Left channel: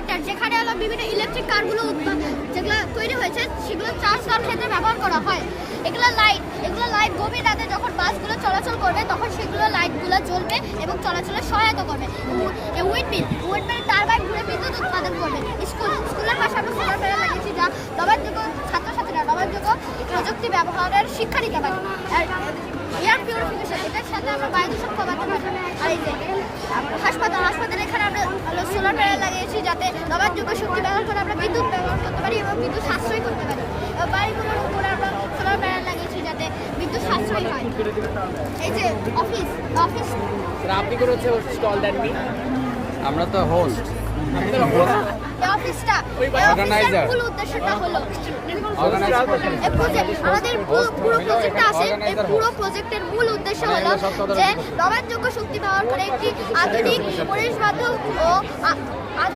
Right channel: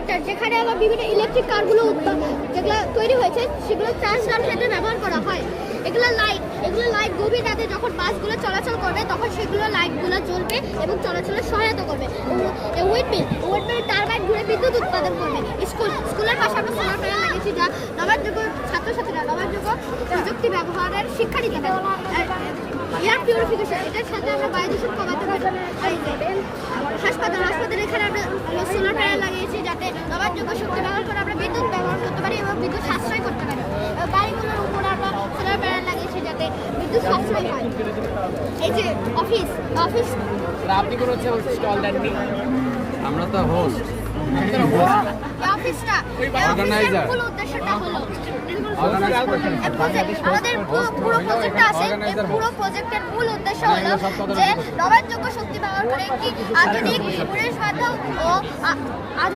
Sector, যেখানে হলো বিভিন্ন ইলেকট্রিক কারগুলো যেগুলো তৈরি হয়েছে সেগুলো চার্জ দেওয়ার ক্ষেত্রে ব্যবহার করা হয়। এগুলো লাইট গভীর রাতে যখন বাসগুলো চলাচল করবে তখন সেগুলো লাইটগুলো জ্বলবে এবং চলাচলে সহায়তা করবে। উইন্ডমিল টারবাইন ঘুরে বিদ্যুৎ উৎপাদন করবে। স্কুলের পাশে আমরা সোলার প্যানেল লাগিয়েছি, যা নবায়নযোগ্য ছাত্রছাত্রীরা নবায়নযোগ্য প্রযুক্তি ব্যবহারের শিক্ষা নিতে পারে। ইয়ার পিউরিফিকেশন, এটার সাথে আমরা বায়ুদূষণ কমাতে পারি। আর হাসপাতাল এখানে আমরা সোলার প্যানেল লাগিয়েছি, যাতে নবায়নযোগ্য শক্তি ব্যবহার করে আমরা বিদ্যুৎ ব্যবহার করতে পারি এবং বিদ্যুৎ সাশ্রয় করতে পারি। বাড়িগুলোর উপরে আমরা সোলার প্যানেল লাগিয়েছি যাতে বিদ্যুৎ সাশ্রয় হয়। এই যে অফিস আপনি করে হচ্ছে স্টল দেননি, আমরা তো হোস্ট অফিসটা Organizer. মূল উদ্দেশ্যটা হলো অর্গানাইজ আমাদের পুরো প্রজেক্টটা আছে। এই পুরো প্রজেক্টের মূল উদ্দেশ্য হলো যে নবায়নযোগ্য শক্তি ব্যবহার করে একটি আধুনিক পরিবেশ বান্ধব ও